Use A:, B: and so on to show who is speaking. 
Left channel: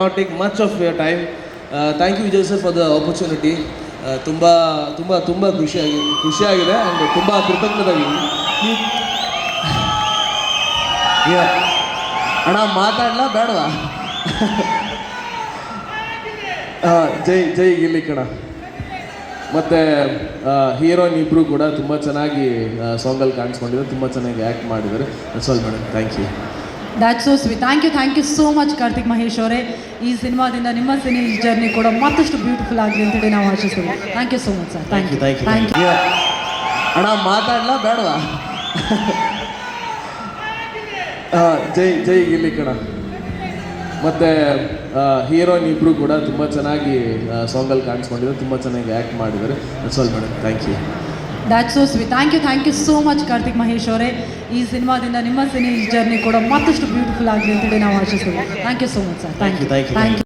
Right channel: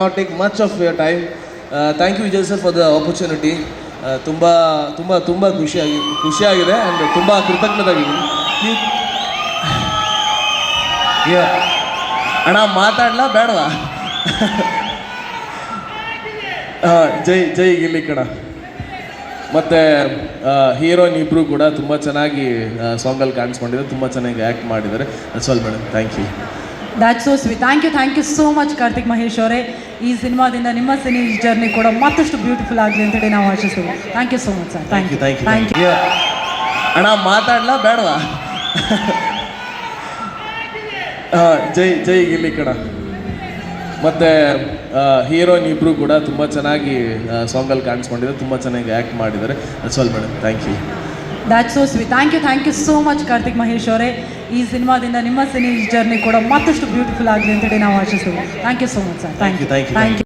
A: take much of your time. Uh, thank you Vijay sir for the opportunity ತುಂಬ ತುಂಬ ತುಂಬ ಖುಷಿಯಾಗಿ ಖುಷಿಯಾಗಿದೆ ಆ್ಯಂಡ್ ತುಂಬ ಕೃತಜ್ಞರಾಗಿದ್ದೀನಿ. ಅಣ್ಣ ಮಾತಾಡಲ ಬೇಡವಾ? ಜೈ ಜೈ ಗಿಲ್ಲಿ ಕಣ. ಮತ್ತು ಹೀರೋಯಿನ್ ಇಬ್ಬರು ಕೂಡ ತುಂಬ ಚೆನ್ನಾಗಿ ಸಾಂಗಲ್ಲಿ ಕಾಣಿಸ್ಕೊಂಡಿದ್ದಾರೆ ತುಂಬ ಚೆನ್ನಾಗಿ ಆ್ಯಕ್ಟ್ ಮಾಡಿದ್ದಾರೆ. ಚಲ್ madam thank you
B: that so sweet thank you thank you so much Karthik Mahesh ಅವರೇ. ಈ ಸಿನಿಮಾದಿಂದ ನಿಮ್ಮ ಸಿನಿ ಜರ್ನಿ ಕೂಡ ಮತ್ತಷ್ಟು ಬ್ಯೂಟಿಫುಲ್ ಆಗಲಿ ಅಂತೇಳಿ ನಾವು ಆಶಿಸ್ತೀವಿ. Thank you so much sir thank you
A: thank you
B: thank you
A: ಅಣ್ಣ ಮಾತಾಡಲ ಬೇಡವಾ? ಜೈ ಜೈ ಇಲ್ಲಿ ಕಣ. ಮತ್ತೆ ಹೀರೋಯಿನ್ ಇಬ್ಬರು ಕೂಡ ತುಂಬ ಚೆನ್ನಾಗಿ ಸಾಂಗಲ್ಲಿ ಕಾಣಿಸ್ಕೊಂಡಿದ್ರು ತುಂಬ ಚೆನ್ನಾಗಿ ಆ್ಯಕ್ಟ್ ಮಾಡಿದ್ದಾರೆ. ಚಲ್ madam thank you
B: that so sweet thank you thank you so much Karthik Mahesh ಅವರೇ. ಈ ಸಿನಿಮಾದಿಂದ ನಿಮ್ಮ ಸಿನಿ ಜರ್ನಿ ಕೂಡ ಮತ್ತಷ್ಟು ಬ್ಯೂಟಿಫುಲ್ ಆಗಲಿ ಅಂತ ನಾವು ಆಶಿಸ್ತೀವಿ. Thank you so much sir thank you thank you